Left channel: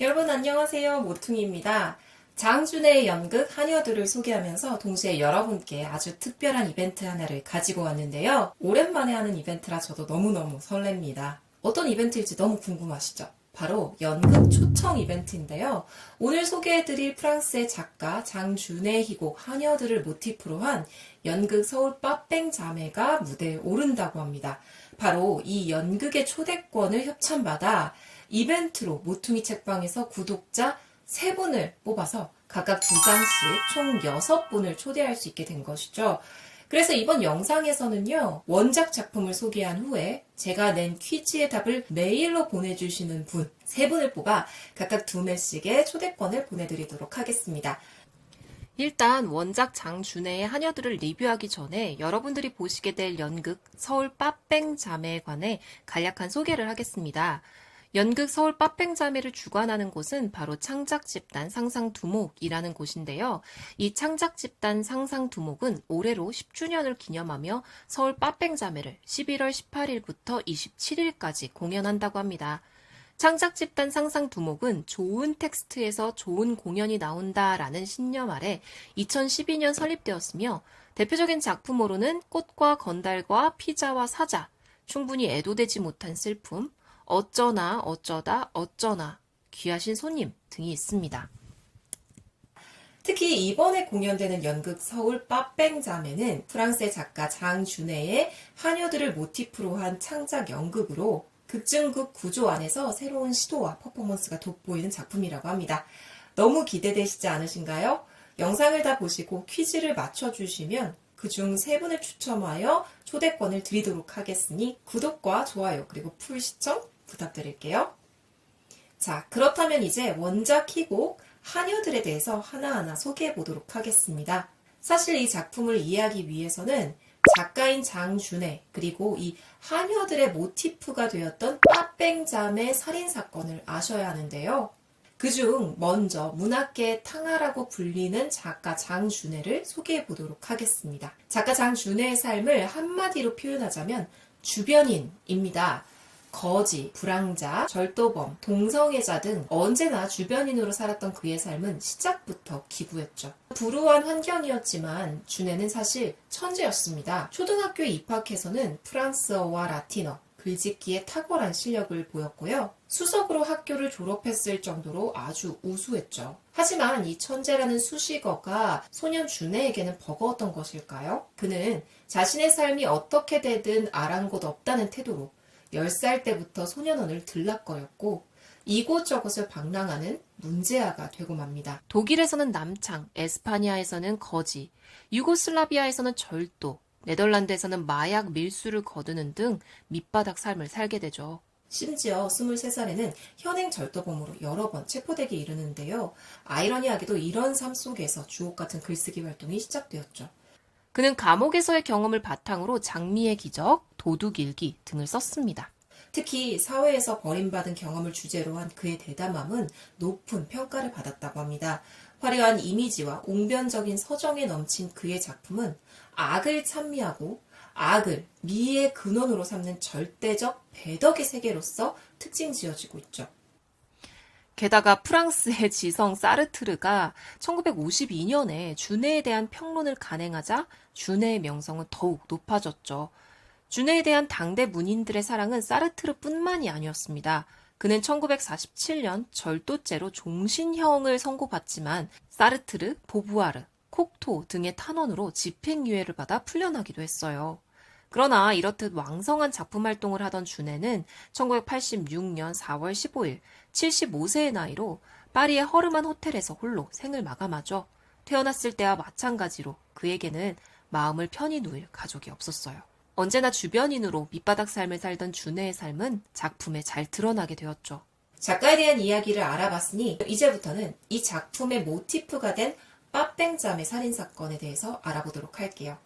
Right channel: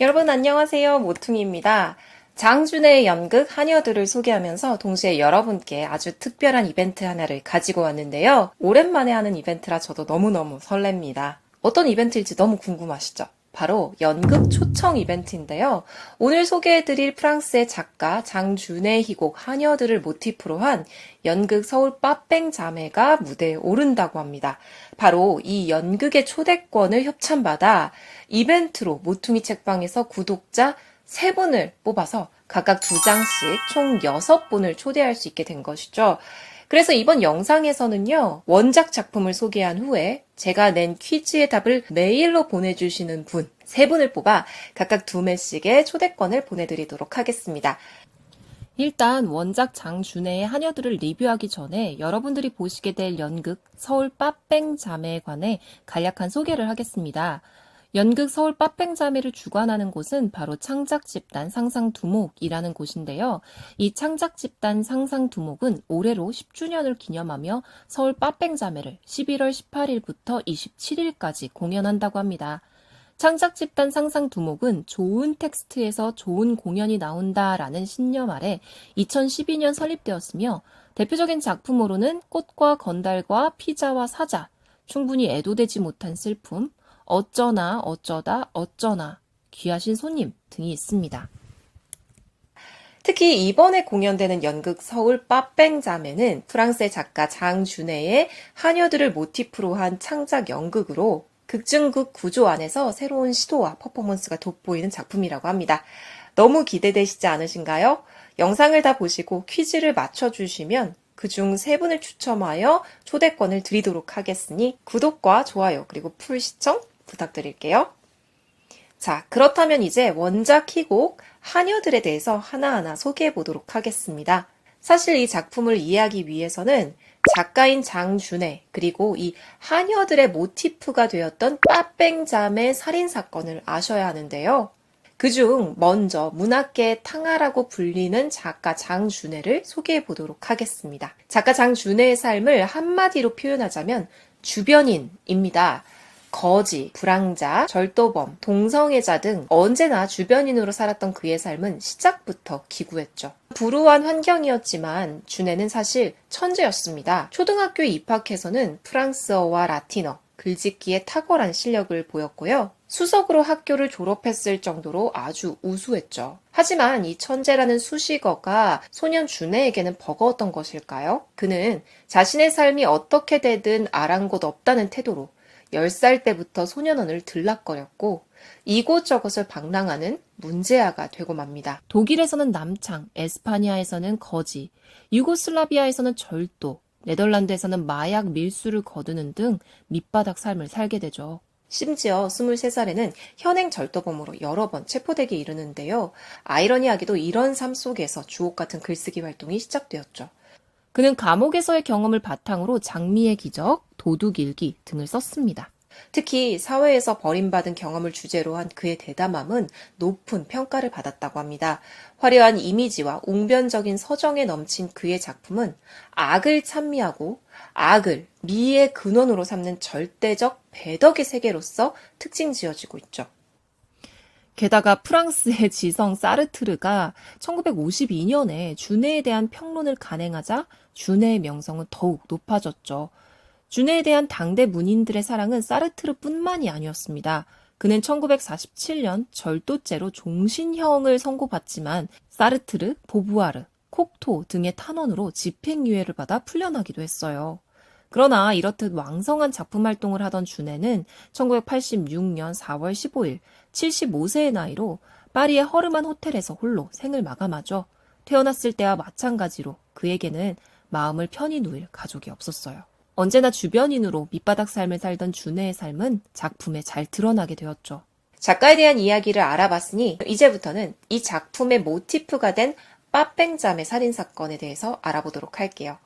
여러분 안녕하세요. 모퉁이입니다. 장준의 연극 하녀들을 소개하면서 동시에 여러분께 아주 특별한 이벤트 하나를 가지고 왔는데요. 오랜만에 하는 이벤트라 저도 너무너무 설렙니다. 어떤 이벤트일지 너무 궁금하시죠? 바로 연극 초청 이벤트인데요. 오늘 소개해드릴 프랑스의 작가 장준의 희곡 하녀들을 모티프로 한 연극 서울 빠뺑 자매가 무대에 오른다고 합니다. 바로 이 연극의 초대권을 협찬받아 이벤트로 모퉁이 책방에서 구독자 3분을 뽑아서 각각 2장씩 총 6분을 초대할 수 있게 된 것이죠. 그래서 이번 영상에서는요, 원작 작품을 소개한 후에 제가 낸 퀴즈의 답을 메일로 보내주시는 분 3분을 뽑아 각각 2매씩의 초대권을 보내드리도록 하겠습니다. 일단 원작 장준혜의 하녀들을 리뷰하기 전에 여러분들이 보시게 될 연극 서울 빠뺑 자매에 관해 간략한 소개를 하겠습니다. 연극 서울 빠뺑 자매를 주관하는 곳은 바로 창작집단 상상두목이라는 곳인데요. 이 창작집단 상상두목은 올해로 10주년을 기념하며 서울 빠뺑 자매를 11월 18일부터 27일까지 공연한다고 합니다. 창작집단 상상두목은 좋은 텍스트에서 좋은 공연이 나온다라는 신념 아래 2012년 설립되었으며 대표적인 작품으로는 꽃과 건달과 피자와 사자, 충분히 애도되지 못한 슬픔, 어쩌나 어쩌다 어쩌나, 귀하신 손님 등이 있습니다. 특히 이번에 공연되는 연극 서울 빠뺑 자매는 프랑스의 작가 장준혜의 하녀들을 모티프로 한 창작 연극으로 극중극 구조 안에서 새로운 시도와 퍼포먼스가 돋보이는 작품이라고 합니다. 너무 기대되시지 않으신가요? 영상을 다 보시고 퀴즈를 맞춰주시면 그중 3분을 추첨하여 초대권을 드리도록 하겠으니 구독과 좋아요 그리고 풀 시청 부탁드릴게요. 자, 그렇다면 이제 원작 희곡 하녀들에 대해서 하나하나 소개해 보도록 하겠습니다. 사실 이 작품을 이해하기 위해서는 작가인 장준혜 그리고 이 하녀들의 모티프가 되었던 빠뺑자매 살인사건을 아셔야 하는데요. 그중 먼저 문학계의 탕아라고 불리는 작가 장준혜를 소개해 보도록 하겠습니다. 작가 장준혜의 삶을 한마디로 표현하자면 주변인입니다. 거지, 불황자, 절도범, 동성애자 등 언제나 주변인으로 살았던 그의 삶은 시작부터 기구했죠. 불우한 환경이었지만 준혜는 사실 천재였습니다. 초등학교에 입학해서는 프랑스어와 라틴어, 글짓기에 탁월한 실력을 보였고요. 수석으로 학교를 졸업했을 정도로 아주 우수했죠. 하지만 이 천재라는 수식어가 소년 준혜에게는 버거웠던 것일까요? 그는 자신의 삶이 어떻게 되든 아랑곳 없다는 태도로 10살 때부터 소년원을 들락거렸고 이곳저곳을 방랑하는 문제아가 되고 맙니다. 독일에서는 남창, 에스파니아에서는 거지, 유고슬라비아에서는 절도, 네덜란드에서는 마약 밀수를 거두는 등 밑바닥 삶을 살게 되죠. 심지어 23살에는 현행 절도범으로 여러 번 체포되기 이르는데요. 아이러니하게도 이런 삶 속에서 주옥 같은 글쓰기 활동이 시작되었죠. 그는 감옥에서의 경험을 바탕으로 장미의 기적, 도둑일기 등을 썼습니다. 특히 사회에서 버림받은 경험을 주제로 한 그의 대담함은 높은 평가를 받았다고 합니다. 화려한 이미지와 웅변적인 서정에 넘친 그의 작품은 악을 찬미하고 악을 미의 근원으로 삼는 절대적 배덕의 세계로서 특징 지어지고 있죠. 게다가 프랑스의 지성 사르트르가 1952년에 준혜에 대한 평론을 간행하자 준혜의 명성은 더욱 높아졌죠. 준혜에 대한 당대 문인들의 사랑은 사르트르뿐만이 아니었습니다. 그는 1947년 절도죄로 종신형을 선고받지만 사르트르, 보부아르, 콕토 등의 탄원으로 집행유예를 받아 풀려나기도 했어요. 그러나 이렇듯 왕성한 작품 활동을 하던 준혜는 1986년 4월 15일 75세의 나이로 파리의 허름한 호텔에서 홀로 생을 마감하죠. 태어났을 때와 마찬가지로 그에게는 마음을 편히 누일 가족이 없었어요. 언제나 주변인으로 밑바닥 삶을 살던 준혜의 삶은 작품에 잘 드러나게 되었죠. 작가에 대한 이야기를 알아봤으니 이제부터는 이 작품의 모티프가 된 빠뺑자매 살인사건에 대해서 알아보도록 할게요.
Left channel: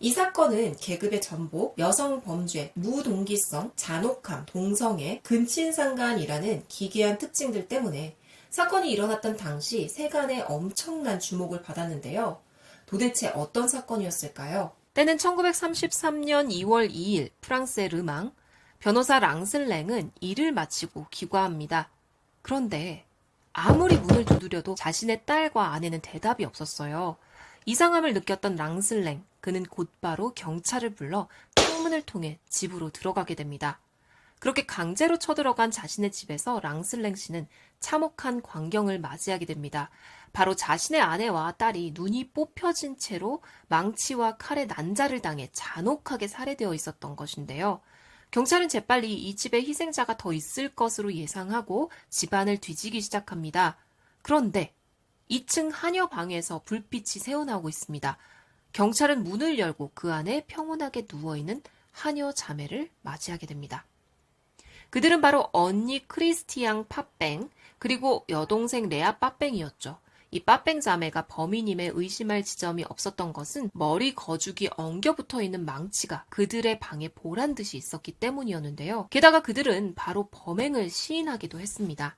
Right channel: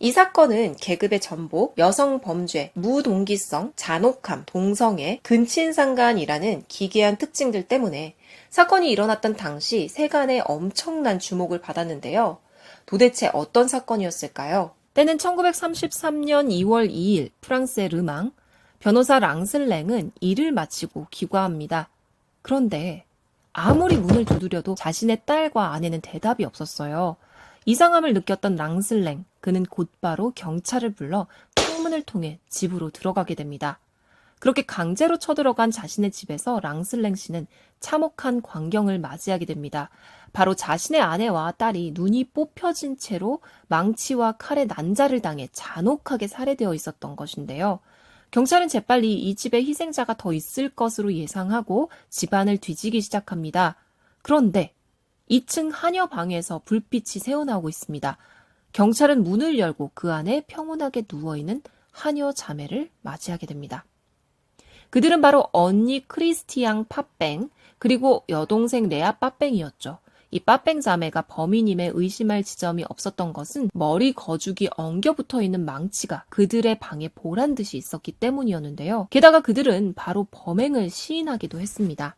이 사건은 계급의 전복, 여성 범죄, 무동기성, 잔혹함, 동성애, 근친상간이라는 기괴한 특징들 때문에 사건이 일어났던 당시 세간에 엄청난 주목을 받았는데요. 도대체 어떤 사건이었을까요? 때는 1933년 2월 2일 프랑스의 르망, 변호사 랑슬랭은 일을 마치고 귀가합니다. 그런데 아무리 문을 두드려도 자신의 딸과 아내는 대답이 없었어요. 이상함을 느꼈던 랑슬랭, 그는 곧바로 경찰을 불러 창문을 통해 집으로 들어가게 됩니다. 그렇게 강제로 쳐들어간 자신의 집에서 랑슬랭 씨는 참혹한 광경을 맞이하게 됩니다. 바로 자신의 아내와 딸이 눈이 뽑혀진 채로 망치와 칼에 난자를 당해 잔혹하게 살해되어 있었던 것인데요. 경찰은 재빨리 이 집에 희생자가 더 있을 것으로 예상하고 집안을 뒤지기 시작합니다. 그런데 2층 하녀 방에서 불빛이 새어나오고 있습니다. 경찰은 문을 열고 그 안에 평온하게 누워있는 하녀 자매를 맞이하게 됩니다. 그들은 바로 언니 크리스티앙 빠뺑, 그리고 여동생 레아 빠뺑이었죠. 이 빠뺑 자매가 범인임에 의심할 지점이 없었던 것은 머리 거죽이 엉겨붙어 있는 망치가 그들의 방에 보란 듯이 있었기 때문이었는데요. 게다가 그들은 바로 범행을 시인하기도 했습니다.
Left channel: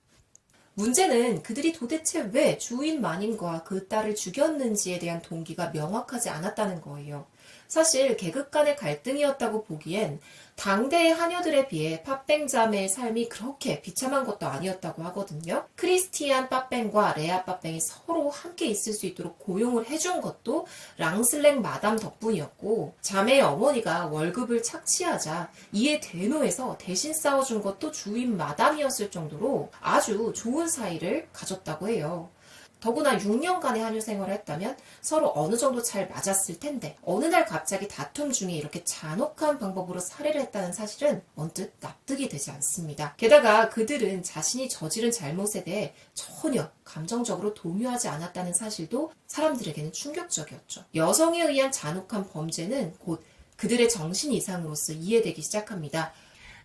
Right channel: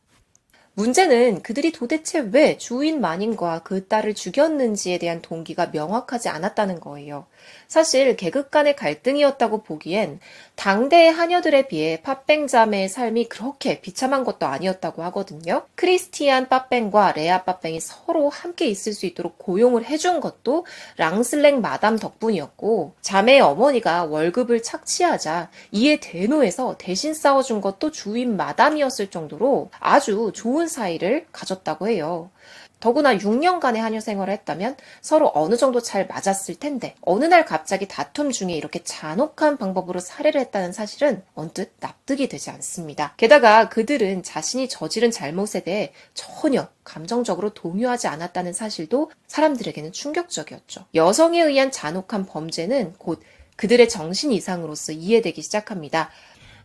문제는 그들이 도대체 왜 주인 마님과 그 딸을 죽였는지에 대한 동기가 명확하지 않았다는 거예요. 사실 계급 간의 갈등이었다고 보기엔 당대의 하녀들에 비해 빠뺑 자매의 삶이 그렇게 비참한 것도 아니었다고 하거든요. 크리스티안 빠뺑과 레아 빠뺑이 서로 함께 있을 수 있도록 고용을 해준 것도 랑슬랭 마담 덕분이었고, 자매의 어머니가 월급을 착취하자 이에 대노해서 대신 싸워준 것도 주인 마담이었을 정도로 아주 좋은 사이를 가졌다고 해요. 더구나 6년간의 하녀 생활을 했다면 서로 어느 정도 잘 맞았을 텐데, 어느 날 갑자기 다툼 중에 이렇게 잔혹한 방법으로 살해를 했다는 사실은 언뜻 납득이 되지 않습니다. 게다가 그들은 자신이 저지른 잘못에 대해 전혀 감정적으로 동요하지 않았다는 사실도 사람들에게는 충격적이었죠. 여성에 의한 잔혹한 범죄는 곧 그들의 정신 이상으로서 이해되기 시작합니다.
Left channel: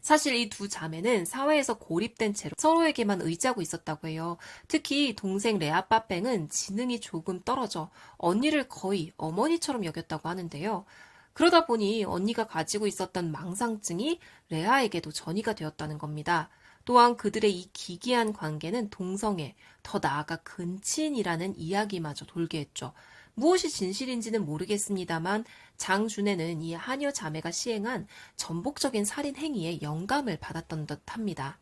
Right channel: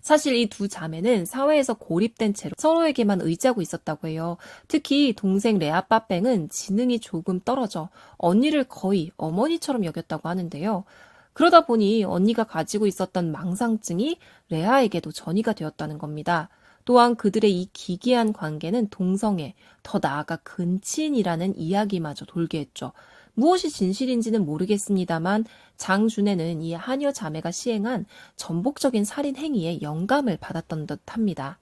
사실 이 두 자매는 사회에서 고립된 채로 서로에게만 의지하고 있었다고 해요. 특히 동생 레아 빠뺑은 지능이 조금 떨어져 언니를 거의 어머니처럼 여겼다고 하는데요. 그러다 보니 언니가 가지고 있었던 망상증이 레아에게도 전이가 되었다는 겁니다. 또한 그들의 이 기괴한 관계는 동성애, 더 나아가 근친이라는 이야기마저 돌게 했죠. 무엇이 진실인지는 모르겠습니다만 장준혜는 이 하녀 자매가 시행한 전복적인 살인 행위에 영감을 받았던 듯합니다.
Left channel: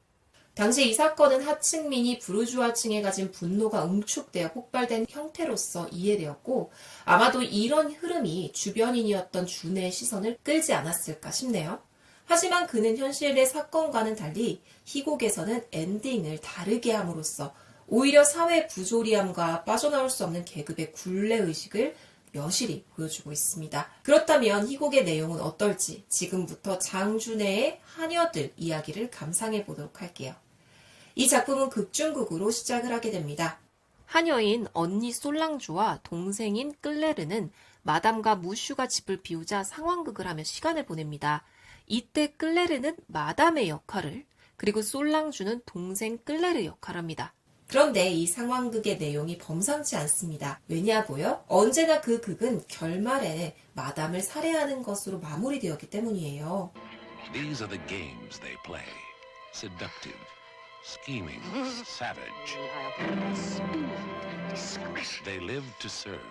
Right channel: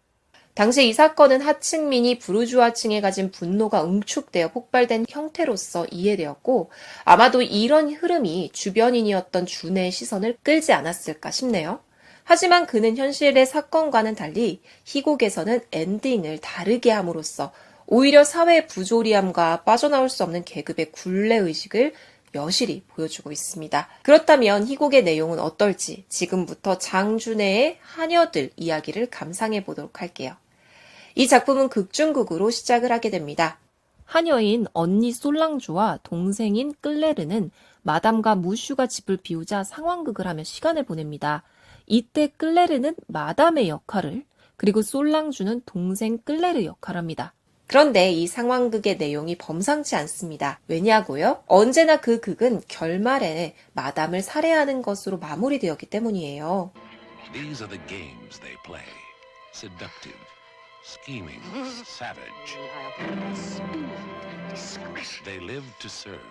당시 이 사건은 하층민이 부르주아층에 가진 분노가 응축되어 폭발된 형태로서 이해되었고, 아마도 이런 흐름이 주변인이었던 준혜의 시선을 끌지 않았을까 싶네요. 하지만 그는 현실의 사건과는 달리 희곡에서는 엔딩을 다르게 함으로써 오히려 사회의 부조리함과 빠져나올 수 없는 계급의 굴레의식을 여실히 보여주고 있습니다. 그렇다면 희곡의 내용은 어떨지 지금부터 장준혜의 하녀들 이야기를 감상해 보도록 할게요. 이 작품은 극중극으로 시작을 하게 됩니다. 하녀인 언니 솔랑주와 동생인 끌레르는 마담과 무슈가 집을 비우자 상황극을 하며 시간을 보냅니다. 이때 끌레르는 마담의 역할을, 그리고 솔랑주는 동생 끌레르 역할을 합니다. 그런데 이 상황극의 내용이 범상치 않습니다. 왜냐고요? 언제나 그 극은 결말에 마담을 살해하는 것으로 마무리되었기 때문이에요. These are the games they play. Seductive, scheming, savage. They live to serve.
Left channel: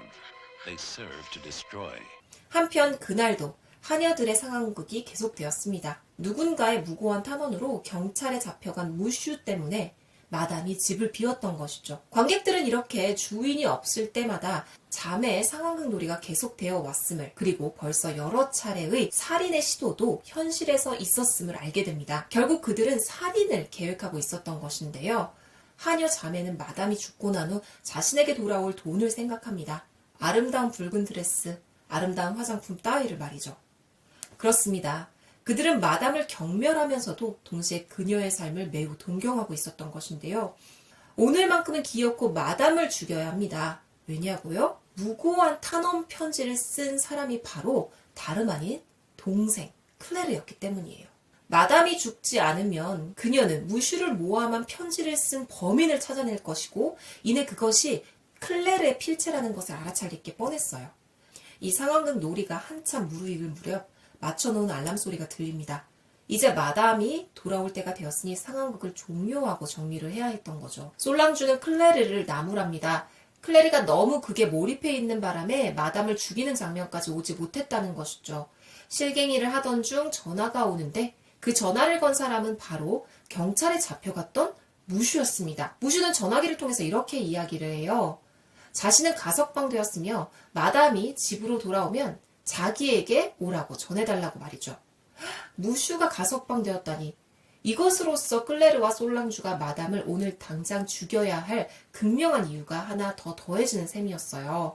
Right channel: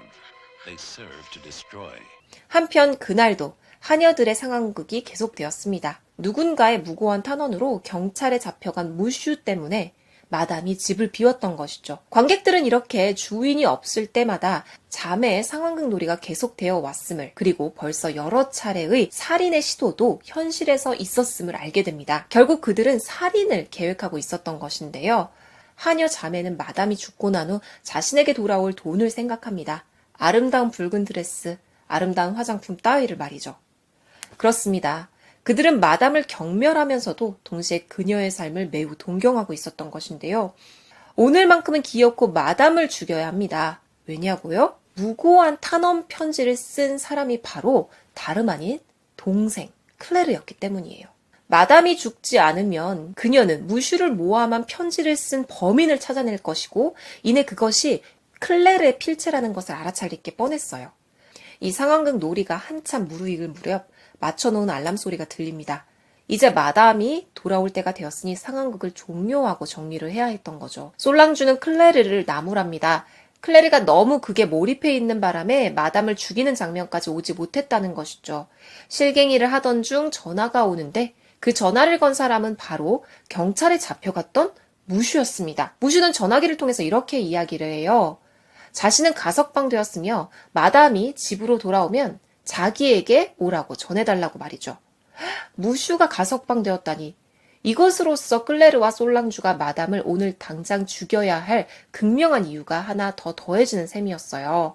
They serve to destroy. 한편 그날도 하녀들의 상황극이 계속되었습니다. 누군가의 무고한 탄원으로 경찰에 잡혀간 무슈 때문에 마담이 집을 비웠던 것이죠. 관객들은 이렇게 주인이 없을 때마다 자매의 상황극 놀이가 계속되어 왔음을, 그리고 벌써 여러 차례의 살인의 시도도 현실에서 있었음을 알게 됩니다. 결국 그들은 살인을 계획하고 있었던 것인데요. 하녀 자매는 마담이 죽고 난 후 자신에게 돌아올 돈을 생각합니다. 아름다운 붉은 드레스, 아름다운 화장품 따위를 말이죠. 그렇습니다. 그들은 마담을 경멸하면서도 동시에 그녀의 삶을 매우 동경하고 있었던 것인데요. 오늘만큼은 기어코 마담을 죽여야 합니다. 왜냐고요? 무고한 탄원 편지를 쓴 사람이 바로 다름 아닌 동생 클레르였기 때문이에요. 마담이 죽지 않으면 그녀는 무슈를 모함한 편지를 쓴 범인을 찾아낼 것이고, 이내 그것이 클레르의 필체라는 것을 알아차릴 게 뻔했어요. 이 상황극 놀이가 한참 무르익을 무렵 맞춰놓은 알람 소리가 들립니다. 이제 마담이 돌아올 때가 되었으니 상황극을 종료하고 정리를 해야 했던 거죠. 솔랑주는 클레르를 나무랍니다. 클레르가 너무 극에 몰입해 있는 바람에 마담을 죽이는 장면까지 오지 못했다는 것이죠. 실갱이를 하던 중 전화가 오는데 그 전화를 건 사람은 바로 경찰에 잡혀갔던 무슈였습니다. 무슈는 전화기를 통해서 이렇게 이야기를 해요. 자신은 가석방되었으며 마담이 집으로 돌아오면 자기에게 오라고 전해달라고 말이죠. 무슈가 가석방되었다니 이것으로써 클레르와 솔랑주가 마담을 오늘 당장 죽여야 할 극명한 이유가 하나 더 더해지는 셈이었어요.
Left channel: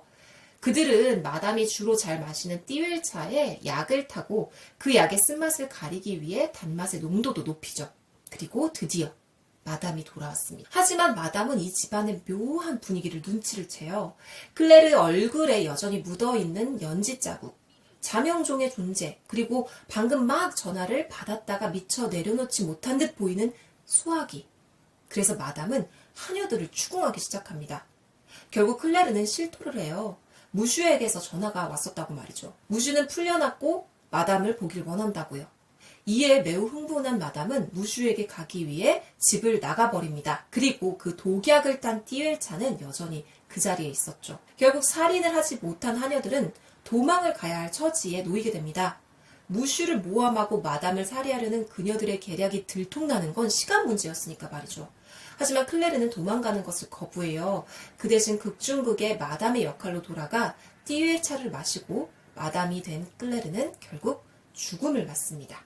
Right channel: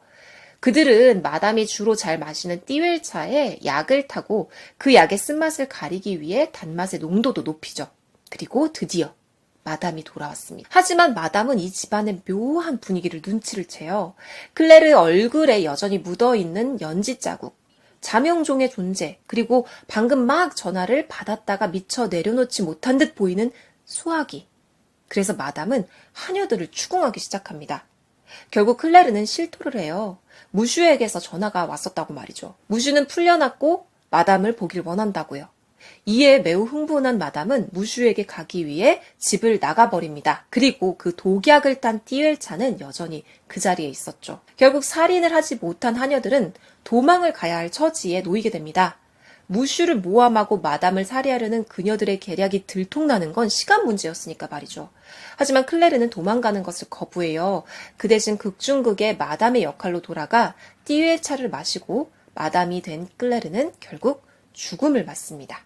그들은 마담이 주로 잘 마시는 띠웰차에 약을 타고 그 약의 쓴맛을 가리기 위해 단맛의 농도도 높이죠. 그리고 드디어 마담이 돌아왔습니다. 하지만 마담은 이 집안의 묘한 분위기를 눈치를 채요. 클레르 얼굴에 여전히 묻어있는 연지 자국, 자명종의 존재, 그리고 방금 막 전화를 받았다가 미처 내려놓지 못한 듯 보이는 수화기. 그래서 마담은 하녀들을 추궁하기 시작합니다. 결국 클레르는 실토를 해요. 무슈에게서 전화가 왔었다고 말이죠. 무슈는 풀려났고 마담을 보길 원한다고요. 이에 매우 흥분한 마담은 무슈에게 가기 위해 집을 나가버립니다. 그리고 그 독약을 딴 띠웰차는 여전히 그 자리에 있었죠. 결국 살인을 하지 못한 하녀들은 도망을 가야 할 처지에 놓이게 됩니다. 무슈를 모함하고 마담을 살해하려는 그녀들의 계략이 들통나는 건 시간 문제였으니까 말이죠. 하지만 클레르는 도망가는 것을 거부해요. 그 대신 극중극의 마담의 역할로 돌아가 띠웰차를 마시고 마담이 된 클레르는 결국 죽음을 맞습니다.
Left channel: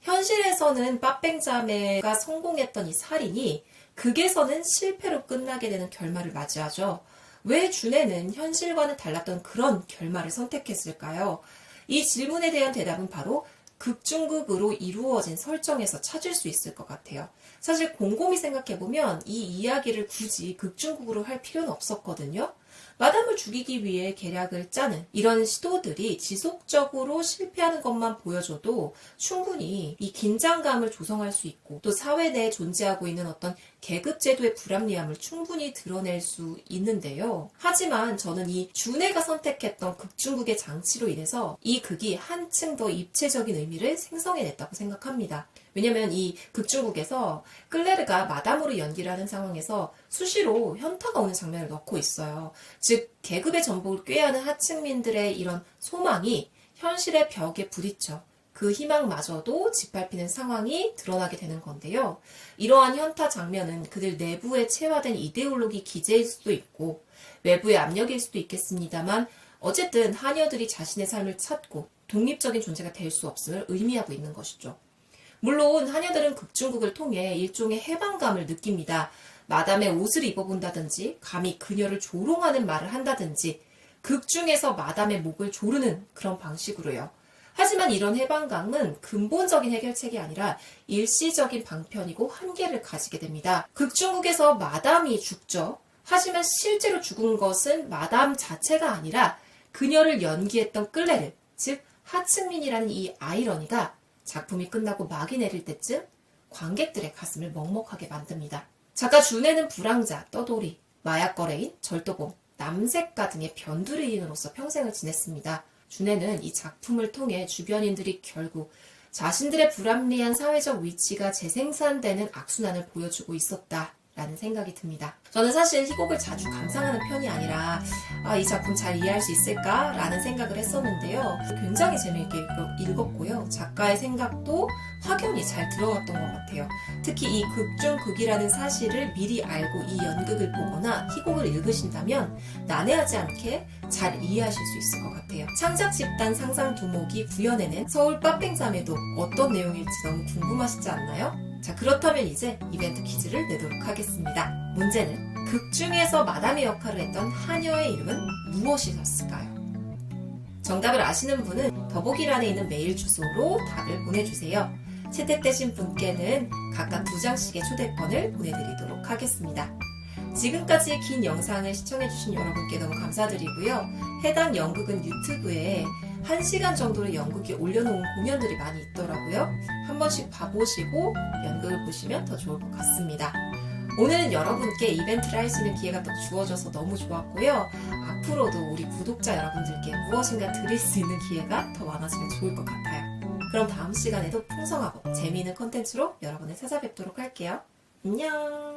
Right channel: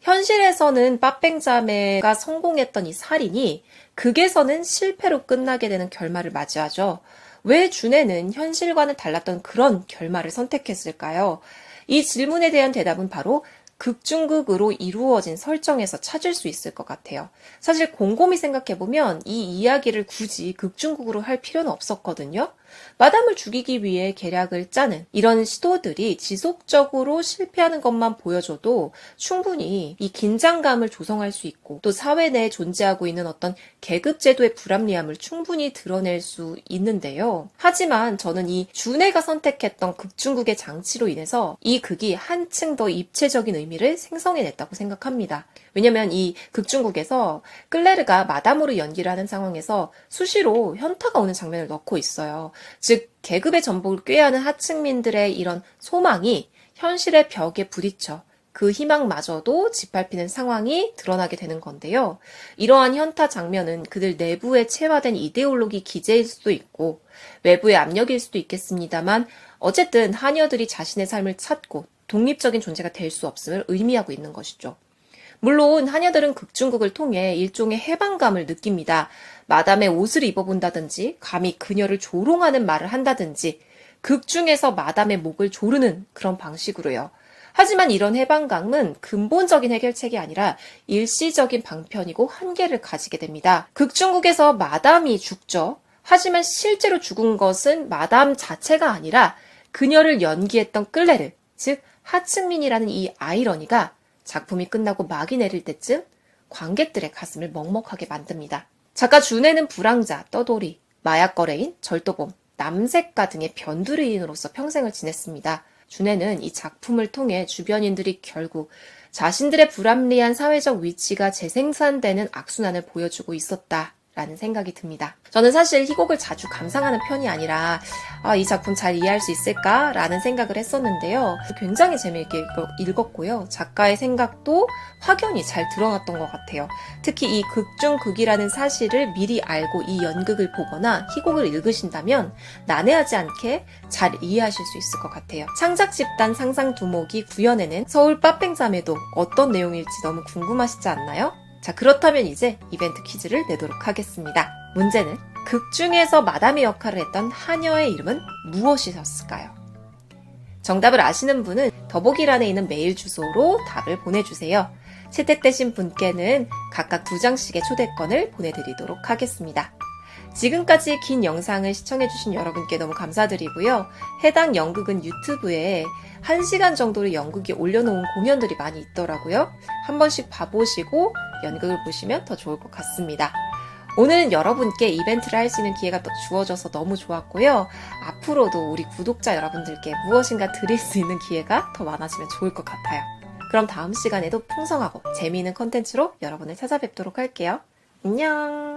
현실에서는 빠뺑자매가 성공했던 이 살인이 극에서는 실패로 끝나게 되는 결말을 맞이하죠. 왜 준해는 현실과는 달랐던 그런 결말을 선택했을까요? 이 질문에 대한 대답은 바로 극중극으로 이루어진 설정에서 찾을 수 있을 것 같아요. 사실 곰곰이 생각해보면 이 이야기를 굳이 극중극으로 할 필요는 없었거든요. 마담을 죽이기 위해 계략을 짜는 이런 시도들이 지속적으로 실패하는 것만 보여줘도 충분히 이 긴장감을 조성할 수 있고 또 사회 내에 존재하고 있는 어떤 계급제도의 불합리함을 충분히 드러낼 수 있는데요. 하지만 저는 이 준해가 선택했던 극중극의 장치로 인해서 이 극이 한층 더 입체적인 의미를 생성해냈다고 생각합니다. 왜냐면 이 극중극에서 클레르가 마담으로 연기를 하는 상황에서 수시로 현타가 오는 장면을 넣고 있어요. 즉 계급의 전복을 꾀하는 하층민들의 이런 소망이 현실의 벽에 부딪혀 그 희망마저도 짓밟히는 상황이 드러나게 되는 건데요. 이러한 현타 장면은 그들 내부에 체화된 이데올로기 기제일 수도 있고 외부의 압력일 수도 있겠습니다만 어쨌든 하녀들이 자신의 삶을 찾고 독립적인 존재가 될 수 없음을 의미하고 있는 것이죠. 물론 하녀들은 극중극을 통해 일종의 해방감을 느낍니다. 마담의 옷을 입어본다든지 감히 그녀를 조롱하는 말을 한다든지 극 중에서 마담의 목을 조르는 그런 방식으로요. 하지만 이런 해방감은 근본적인 해결책이 아니라 일시적인 방편이고 한계를 가지게 됩니다. 극중극에서 마담이 죽죠. 하지만 실제로 죽은 것은 마담 자체가 아니라 그녀를 연기했던 클레르, 즉 하층민이라는 이 아이러니가 작품이 끝나고 막이 내릴 때쯤 관객들의 가슴을 먹먹하게 만듭니다. 작가 준해는 불황자, 떠돌이, 마약 거래인, 절도범, 남색가 등의 변두리인으로서 평생을 지냈습니다. 준해는 이 작품을 통해 주변인들이 결국 자신들의 불합리한 사회적 위치가 재생산되는 악순환을 보여주고 있었다라는 생각이 듭니다. 저는 사실 희곡을 자주 감상하는 편이 아니라 이 작품 잘 이해할 수 있을까라는 생각을 했었는데요. 굉장히 재미있게 읽었고요. 작가의 생각도 확연히 잘 드러났던 것 같아요. 특히 이 극중극이라는 사실을 미리 알고 이 연극을 보거나 희곡을 읽으신다면 난해하지 않게 잘 이해하실 수 있을 것 같아요. 창작 집단 상상 두목이 구현해낸 서울 빠뺑자매도 어떤 내용일지 너무 궁금하시지 않나요? 자, 그렇다면 이제 이벤트 퀴즈를 내도록 하겠습니다. 문제는 극 중에서 마담의 역할을 했던 하녀의 이름은 무엇이었을까요? 정답을 아시는 분은 더보기란에 있는 메일 주소로 답을 보내주세요. 채택되신 분께는 각각 2장씩의 초대권을 보내드리도록 하겠습니다. 지금까지 긴 영상을 시청해주신 여러분께 너무 감사드리고요. 해당 연극은 유튜브에 1시간 정도로 연극이 올려놓은 공연들이 많이 있더라고요. 한 번씩 봐보시고 연극을 보시면 더 좋을 것 같습니다. 오늘은 여러분께 이벤트를 할 수 있는 기회가 또 주어져서 너무 좋았고요. 앞으로도 우리 구독자 여러분들께 무엇인가 드릴 수 있는 기회가 더 많아지면 좋을 것 같아요. 그럼 다음 시간에도 풍성하고 재미있는 콘텐츠로 여러분을 찾아뵙도록 할게요. 안녕!